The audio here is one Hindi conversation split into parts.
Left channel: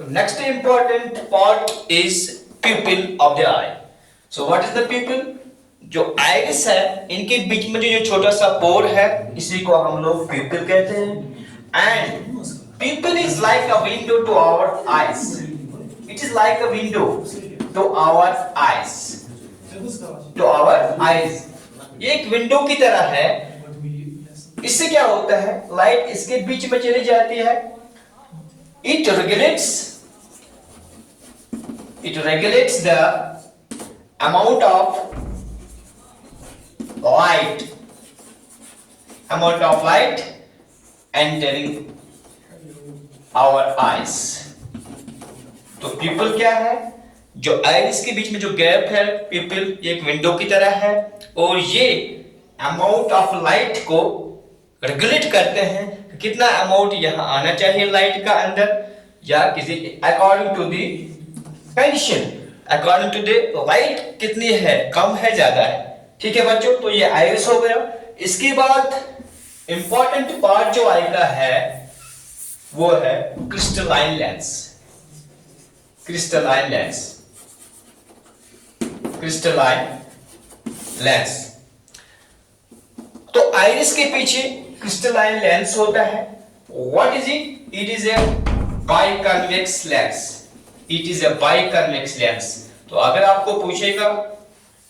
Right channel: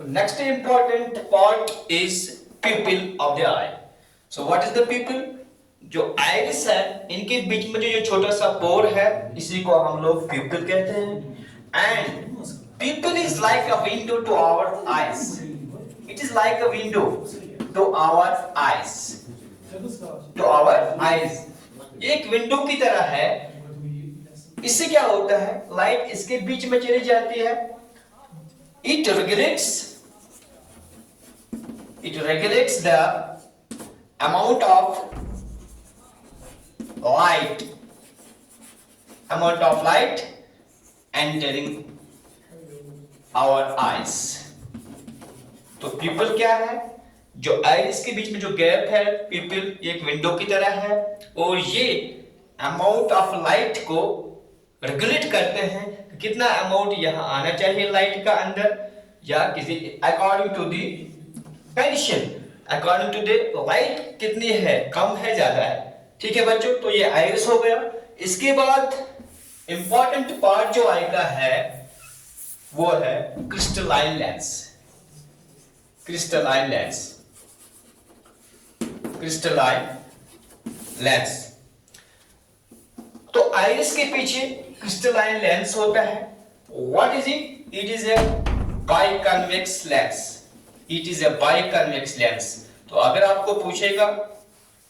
Next important part is pupil of the eye. So what is the pupil? जो आइरिस है इनके बीच में जो छोटा सा पोर है इसी को हम लोग pupil कहते हैं. And pupil is like a window to our eyes. It is like a window to our eyes. To our eyes. ये एक विंडो की तरह है. इससे क्या होता है? लाइट इसके बीच में चली जाती है. It regulates the amount of light entering our eyes. तो pupil क्या है? जो आइरिस के बीच में जो गैप है pupil ये एक विंडो की तरह है और ये अमाउंट ऑफ लाइट को रेगुलेट करते हैं कि कितना अमाउंट यहाँ आना चाहिए लाइट का अंदर या किसी according to the condition, according to the light कितनी है, कम है ज्यादा है. ठीक है बच्चों, तो ये आइरिस हो गया. इसके बाद इंपॉर्टेंट पार्ट जो आएगा है वो है क्रिस्टलाइन लेंस. Crystalline lens. तो आइरिस के पीछे क्रिस्टलाइन लेंस होता है. What is it? It is a biconvex lens. तो अगर आपको पूछेगा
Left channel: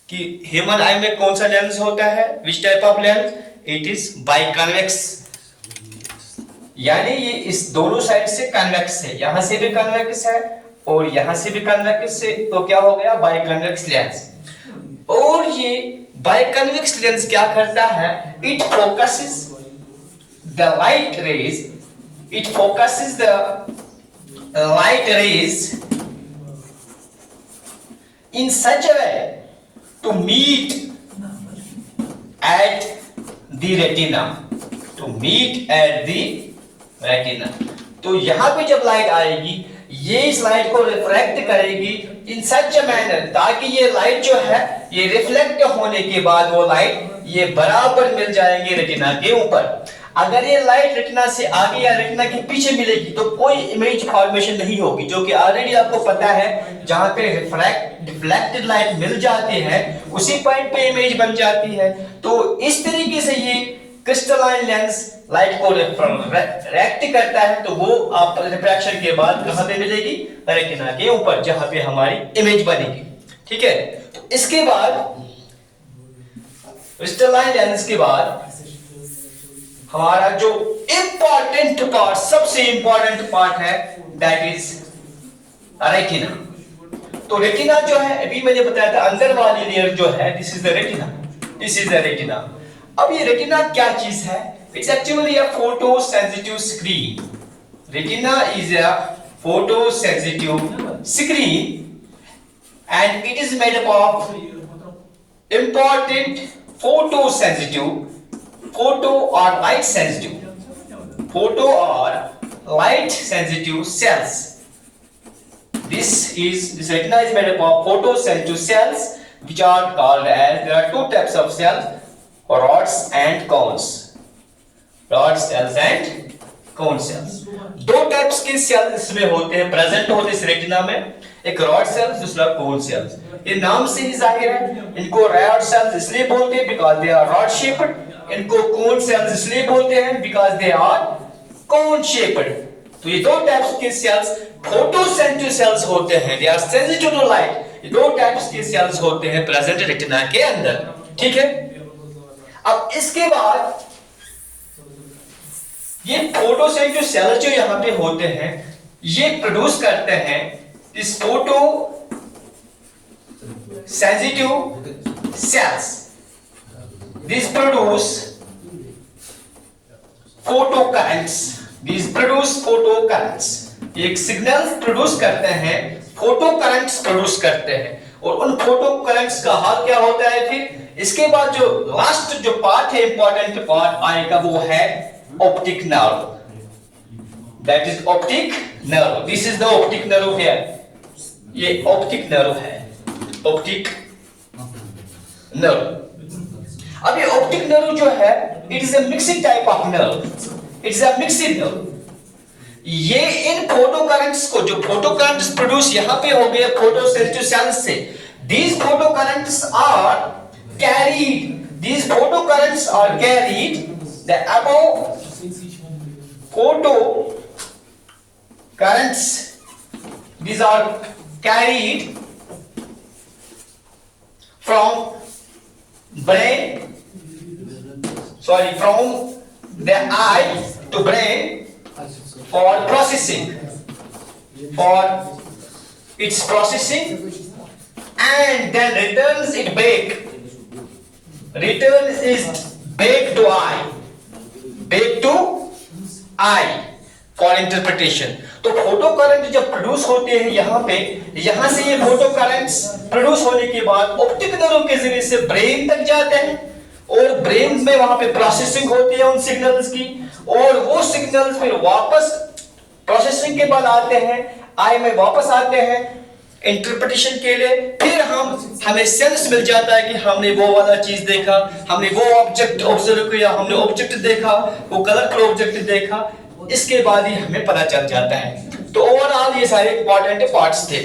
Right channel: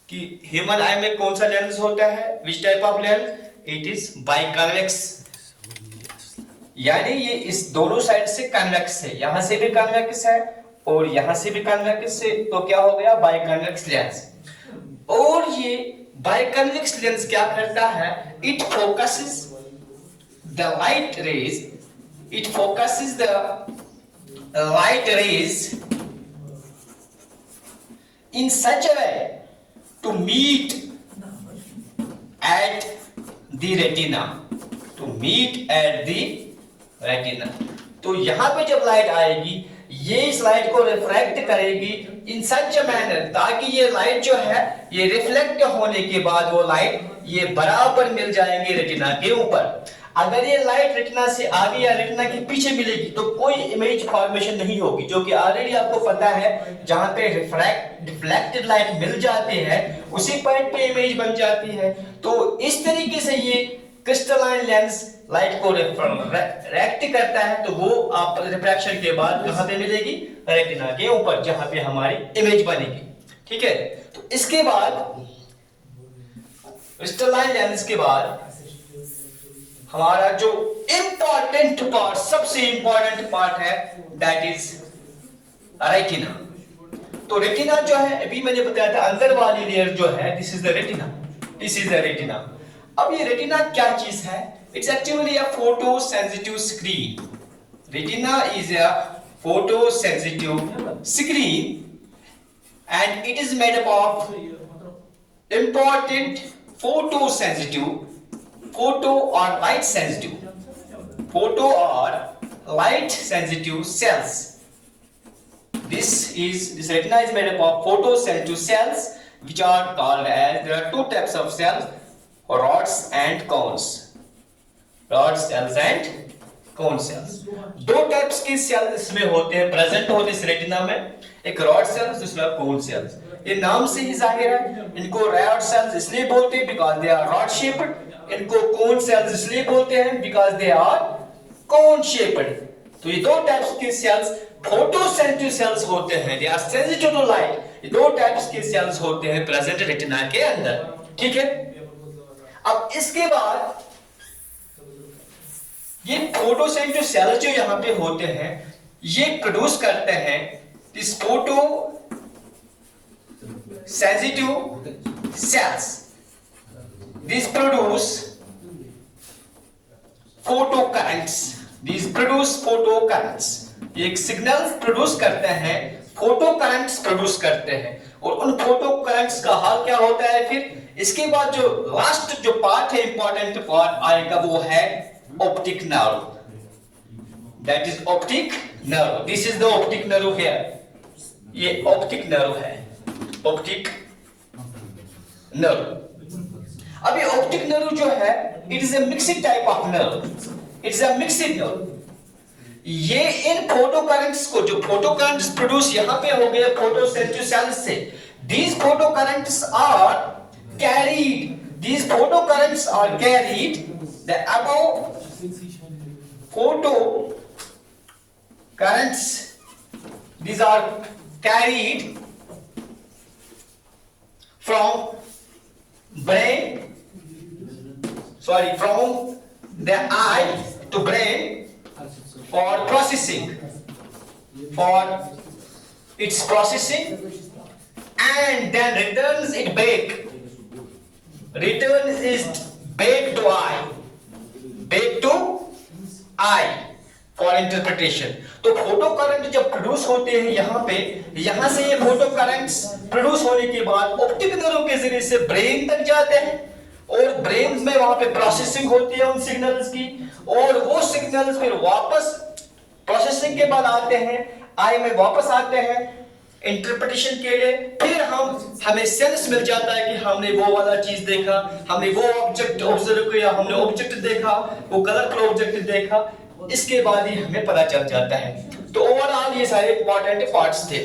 कि ह्यूमन आई में कौन सा लेंस होता है, which type of lens, it is biconvex. यानी ये इस दोनों साइड से कन्वेक्स है, यहां से भी कन्वेक्स है और यहां से भी कन्वेक्स है. तो क्या हो गया? बाइकन्वेक्स लेंस. और ये बाइकन्वेक्स लेंस क्या करता है? It focuses the light rays. In such a way to meet at the retina. तो यहाँ पे जब लाइट आएगी ये इस लाइट को रिफ्रैक्ट करेगी इन सच अ मैनर ताकि ये लाइट जो है ये रिफ्लेक्ट होने के बाद वो लाइट ये बराबर मिल जाएंगे रेटिना के ऊपर. अगर ये लाइट रेटिना से आगे या रेटिना के पीछे मिलेगी तो कोई इमेज फॉर्मेशन नहीं होगी, जो कि ऑलरेडी आपको पता है जहां पे रिफ्लेक्टेड लाइट मिल जाती है उसी पॉइंट पे इमेज बन जाती है. तो इस तरीके से ये क्रिस्टलाइन लेंस लाइट को रिफ्रैक्ट करता है. तो वो आप रिफ्रैक्शन के बाद कहां पे मिलेगी? रेटिना के ऊपर जहां पे हमारी इमेज बनेगी. ठीक है, तो इसके बाद क्रिस्टलाइन लेंस के बाद हमारा जो इंपॉर्टेंट पार्ट, सबसे इंपॉर्टेंट पार्ट है दैट इज रेटिना. तो रेटिना जो है अभी मैंने बताया था अंदर वाली लेयर जो है दिस इज द रेटिना. अब ये रेटिना क्या चीज है? It's actually a photo sensitive screen. Retina is a photo sensitive screen and it is made up of important photo or light sensitive cells. This retina is made up of photosensitive cells which are called as, there are two types of cells, rods and cones. दो टाइप्स के सेल इसमें होते हैं, प्रेजेंट होते हैं इस रेटिना में. एक रॉड सेल्स, दूसरा कोन सेल्स. ये नाम से ही जाहिर है इनको रॉड सेल्स इसलिए बोलते हैं because they are rod shaped. इनको कोन सेल्स इसलिए बोलते हैं because they are cone shaped. तो ये दो टाइप्स के सेल्स फोटोसेंसिटिव सेल्स होते हैं, they are sensitive to light. ये दो टाइप्स के सेल्स होते हैं प्रेजेंट रेटिना के अंदर. ठीक है, अब इसके बाद ये फोटोसेंसिटिव सेल्स जो यहां पे होते हैं ये प्रोड्यूस करते हैं इस photo sensitive sales. These produce photocurrents. ये एक सिग्नल प्रोड्यूस करते हैं, फोटो करंट्स प्रोड्यूस करते हैं. और उन फोटो करंट्स का हाल क्या होता है फिर? इसके बाद जो लास्ट जो पार्ट है, इंपॉर्टेंट पार्ट आएगा वो है optic nerve. That is optic nerve. This is the optic nerve here. ये ऑप्टिक नर्व है, ऑप्टिक नर्व. अब ये ऑप्टिक नर्व जो है it is a mixing type of nerve. It's a mixing nerve. ये इन फोटो करंट्स को, जो फोटो करंट्स प्रोड्यूस यहां पे हो गए फोटोसेंसिटिव सेल्स से, these photo currents are carried, these photo currents are carried, the above photo currents, these are carried from brain, from the eye to brain for processing, for its processing, and then returns it back, returns is back to eye, for interpretation. तो फोटो करंट जब प्रोड्यूस होते हैं यहाँ पे, यहाँ से ये फोटो करंट्स प्रोड्यूस होने के बाद ऑप्टिक नर्व के जरिए से ब्रेन तक जाते हैं, और ब्रेन में वहां पे प्रोसेसिंग होती है उन सिग्नल्स की, और वो सिग्नल्स फिर वापस प्रोसेसिंग के बाद आते हैं आई में, वापस आते हैं इंटरप्रिटेशन के लिए। फिर हमें सेंस मिल जाता है कि हमने वो वाला चीज देखा, हमने वो ऑब्जेक्ट ऑब्जर्व किया, हमने ऑब्जेक्ट देखा, वो कलरफुल ऑब्जेक्ट देखा, इसके बाद ही हमें पता चल जाता है। तो ओवरऑल ये सारे इंपॉर्टेंट पार्ट्स थे।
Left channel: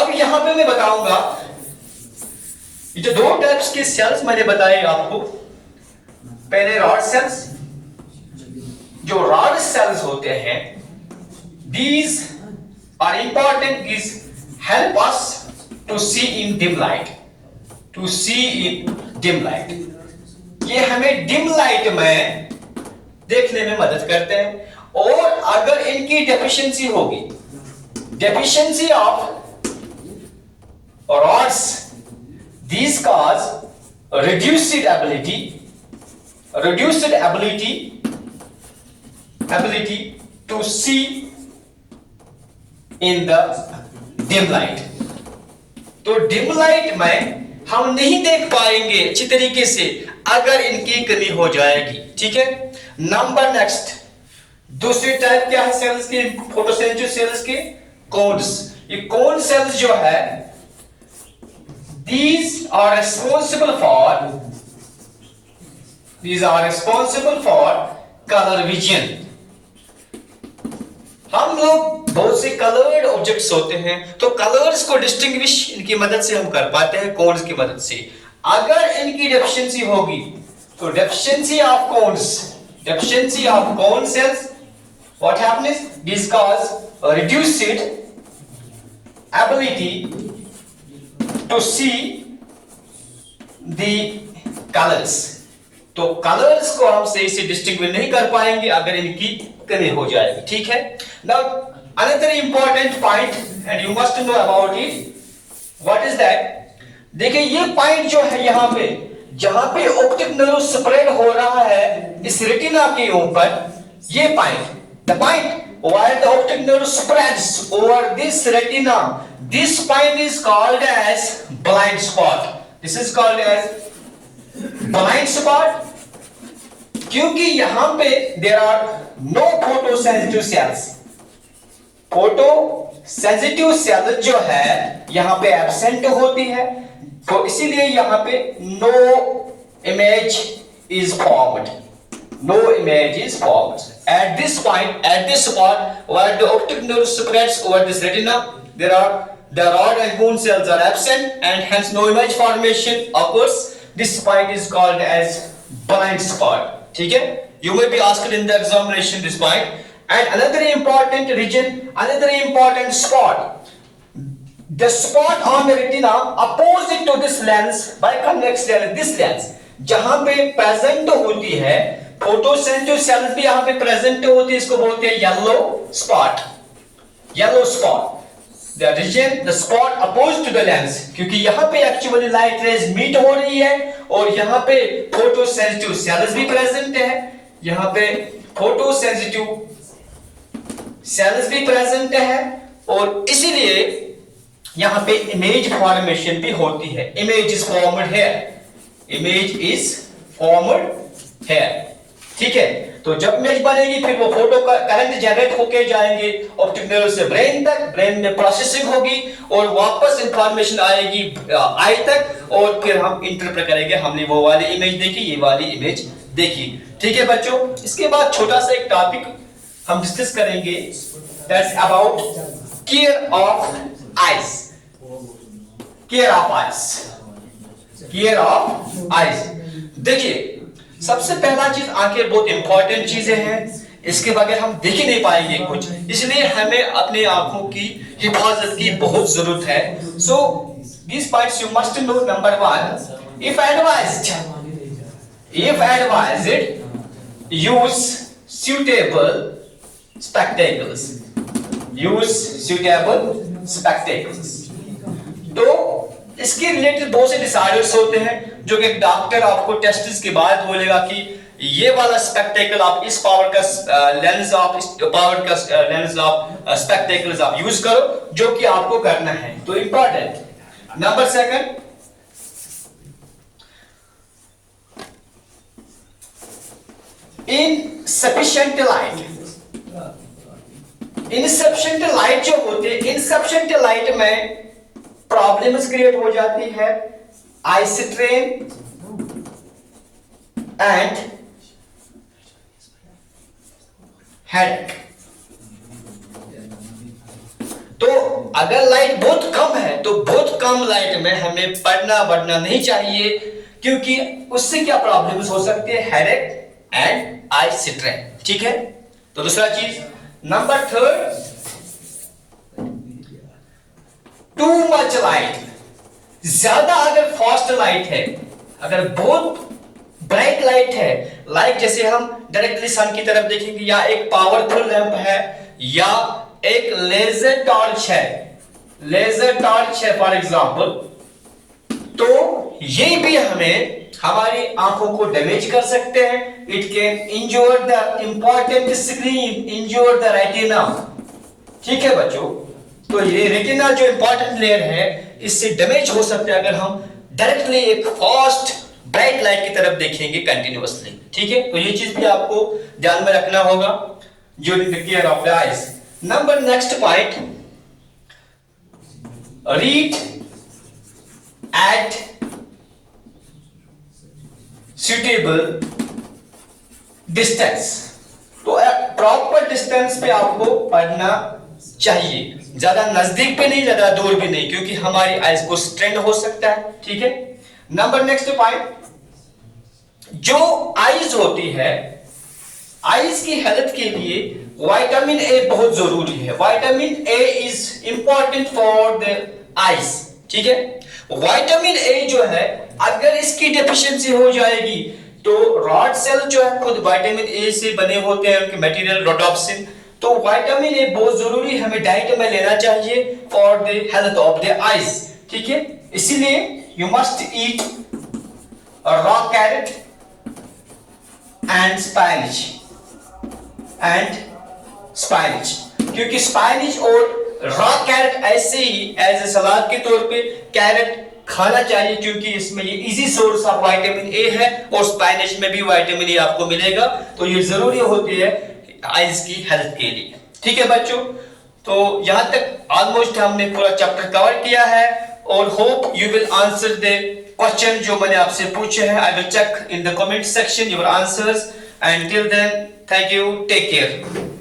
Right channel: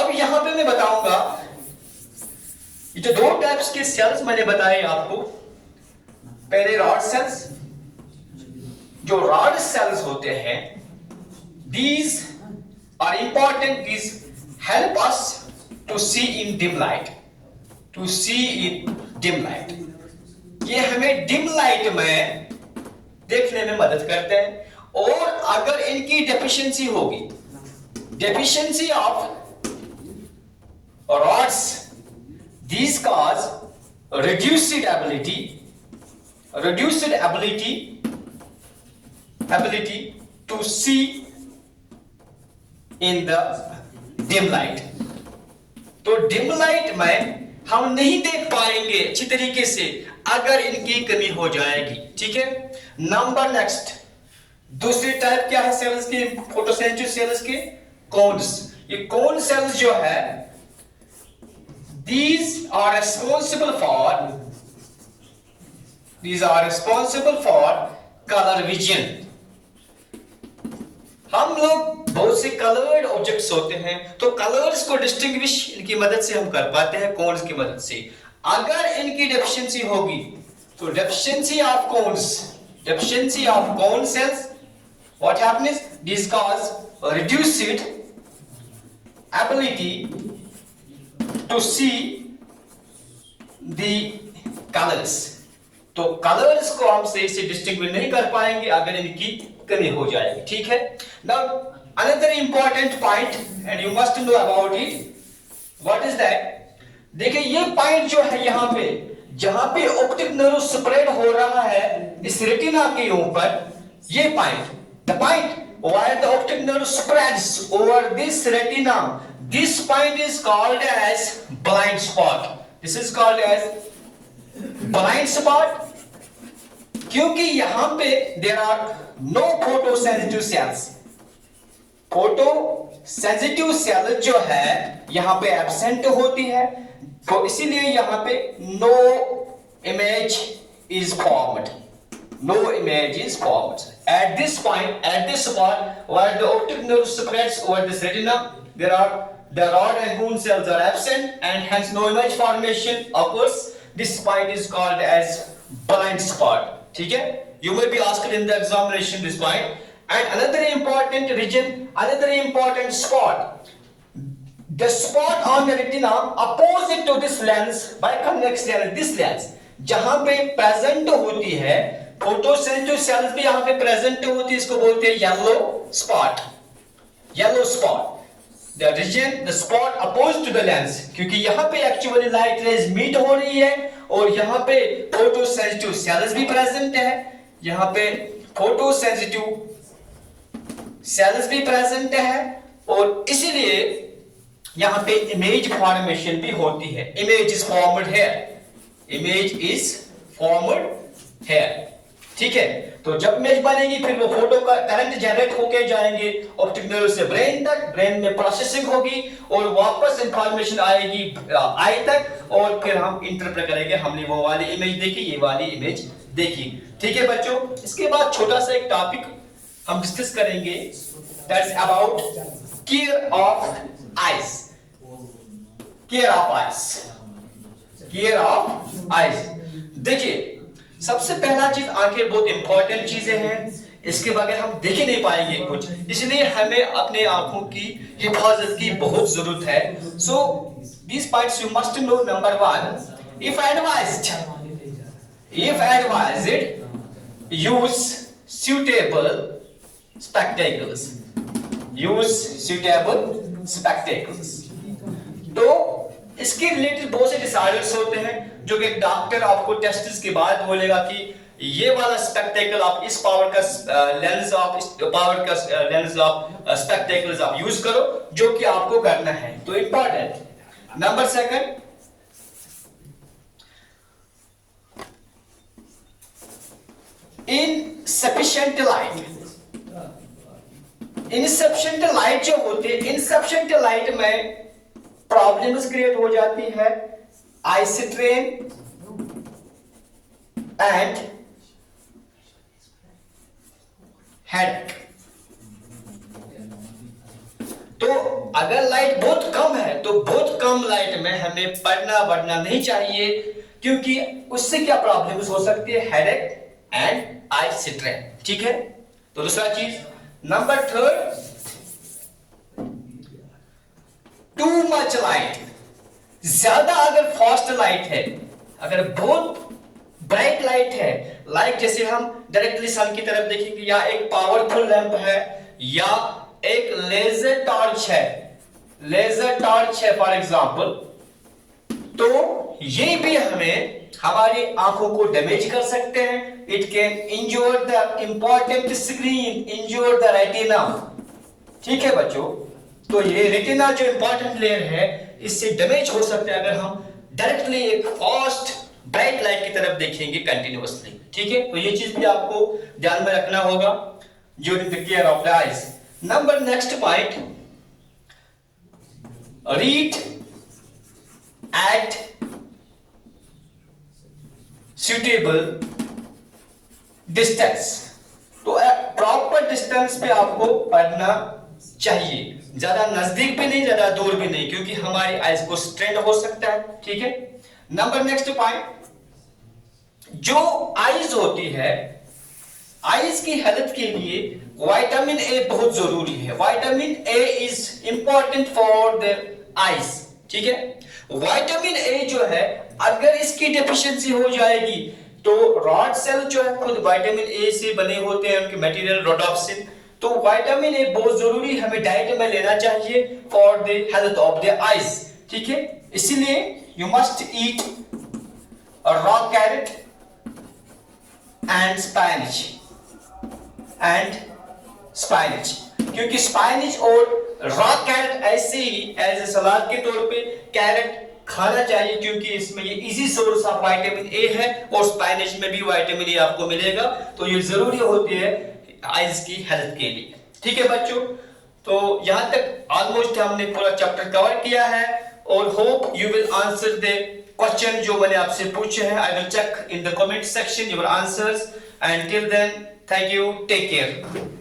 अब यहां पे मैं बताऊंगा ये जो दो टाइप्स के सेल्स मैंने बताए आपको, पहले रॉड सेल्स, जो रॉड सेल्स होते हैं, these are important, is help us to see in dim light, to see in dim light, ये हमें डिम लाइट में देखने में मदद करते हैं। और अगर इनकी डेफिशिएंसी होगी, deficiency of rods, these cause reduced ability to see in the dim light। तो डिम लाइट में हम नहीं देख पाएंगे अच्छी तरीके से अगर इनकी कमी हो जाएगी, ठीक है। नंबर नेक्स्ट, दूसरी टाइप क्या है सेल्स की, फोटोसेंसिटिव सेल्स के, कोन्स। ये कोन सेल्स जो है, these are responsible for color vision। हम लोग बहुत से कलर्ड ऑब्जेक्ट्स होते हैं, तो कलर्स को डिस्टिंग्विश इनकी मदद से हम कर पाते हैं, कोन्स की मदद से। अगर इनकी डेफिशिएंसी होगी तो deficiency of cone cells, what happens, this cause a reduced ability to see the colors। तो कलर्स को हम सही से डिस्टिंग्विश नहीं कर पाएंगे अगर इनकी कमी हो जाएगी, ठीक है। Now another important point and you must know about it, what is that? देखिए ये पॉइंट जो है यहाँ पे, जहां पे ऑप्टिक नर्व स्प्रेड हो रहा है इस रेटिना के ऊपर, ये point, the point where the optic nerve spreads over this retina, this point is called as blind spot। This is called as blind spot क्योंकि यहां पे there are no photosensitive cells। Photosensitive cell जो है यहां पे एब्सेंट होती है, तो इसीलिए यहां पे no image is formed, no image is formed at this point, at this spot where the optic nerve spreads over this retina, the rod and cone cells are absent and hence no image formation occurs। This point is called as blind spot, ठीक है। You may be asked in the examination this point। And another important region, another important spot, the spot on the retina opposite to this lens, biconvex lens, this lens, जहां पे प्रेजेंट होती है फोटोसेंसिटिव सेल्स भी यहां पे प्रेजेंट होती है, इसको बोलते हैं yellow spot. Yellow spot the region, the spot opposite to the lens, क्योंकि यहां पे एक्चुअली लाइट रेज मीट हो रही है और यहां पे फोटोसेंसिटिव सेल्स भी प्रेजेंट है, यहां पे फोटोसेंसिटिव सेल्स भी प्रेजेंट है और इसीलिए यहां पे इमेज फॉर्मेशन भी होती है। Image is formed here, image is formed here, ठीक है। तो जब इमेज बनेगी फिर वो फोटो का करंट जनरेट होके जाएंगे ऑप्टिक नर्व से ब्रेन तक, ब्रेन में प्रोसेसिंग होगी और वापस इंफॉर्मेशन आएगी आई तक और फिर हम इंटरप्रेट करेंगे, हमने वो वाली इमेज देखी, ये वाली इमेज देखी, ठीक है बच्चों। इसके बाद छोटा सा एक टॉपिक हम डिस्कस करेंगे, that's about care of eyes. Care of eyes, care of eyes. देखिए सबसे पहला चीज, आंखें बहुत इंपॉर्टेंट चीजें हैं, इसके बगैर हम देख ही नहीं पाएंगे कुछ, इसलिए हमें अपने आंखों की हिफाजत की बहुत जरूरत है। सो these points you must know. Number one, if advised, use suitable spectacles. Use suitable spectacles. तो इसके रिलेटेड बहुत से डिसऑर्डर्स होते हैं जो कि डॉक्टर आपको टेस्ट के बाद बोलेगा कि ये वाला स्पेक्टेकल आप इस पावर का लेंस, आप इस पावर का लेंस आप स्पेक्टेकल्स आप यूज करो, जो कि आपको करना है। तो important. Number second, insufficient light. Insufficient light जो होती है, इनसफिशिएंट लाइट में प्रॉब्लम्स क्रिएट हो जाती है, आई स्ट्रेन एंड हेडेक। तो अगर लाइट बहुत कम है तो बहुत कम लाइट में हमें पढ़ना वढ़ना नहीं चाहिए, क्योंकि उससे क्या प्रॉब्लम्स हो सकती है, हेडेक एंड आई स्ट्रेन। ठीक है। तो दूसरा चीज, number third, too much light. ज्यादा अगर फास्ट लाइट है, अगर बहुत ब्राइट लाइट है, लाइट जैसे हम डायरेक्टली सन की तरफ देखेंगे, या एक पावरफुल लैंप है, या एक लेजर टॉर्च है, लेजर टॉर्च है फॉर एग्जांपल, तो ये भी हमें हमारी आंखों को डैमेज कर सकते हैं। It can injure the important screen, injure the retina. ठीक है बच्चों, तो ये रेटिना जो इंपॉर्टेंट लेयर है, इससे डैमेज हो सकता है अगर हम डायरेक्टली एक फास्ट ब्राइट लाइट की तरफ देखेंगे कंटिन्यूअसली। ठीक है। तो ये चीज भी आपको ध्यान में रखना होगा during the care of the eyes. Number next point, read eight suitable distance. तो प्रॉपर डिस्टेंस पे आपको पढ़ना चाहिए, ज्यादा नजदीक पे नहीं, ज्यादा दूर भी नहीं, क्योंकि हमारी आइज को स्ट्रेन हो सकता है। ठीक है। नंबर नेक्स्ट पॉइंट, जो आइज होती है, आइज की हेल्थ के लिए विटामिन ए बहुत जरूरी है। Vitamin A is important for the eyes. ठीक है। विटामिन ए जो है, अगर इसकी डेफिशिएंसी हो जाएगी तो रॉड सेल जो है खुद विटामिन ए से बने होते हैं, उनके मटेरियल रोडोप्सिन। तो विटामिन ए बहुत जरूरी हमें डाइट में लेना चाहिए for the health of the eyes. ठीक है। इसीलिए you must eat raw carrot and स्पाइनच, क्योंकि स्पाइनच और रॉ कैरेट ऐसे ही एज ए सलाद के तौर पे कैरेट खाना चाहिए, क्योंकि इसमें ये easy source of vitamin A है, और स्पाइनच में भी विटामिन ए आपको मिलेगा। तो ये जरूरी होती है आइज की हेल्थ के लिए। ठीक है बच्चों, तो यहां तक ऑलमोस्ट हमने पूरा चैप्टर कवर किया है, और hope you will answer the question जो मैंने आपसे पूछे हैं। I will check in the comment section your answers, and till then thank you, take care.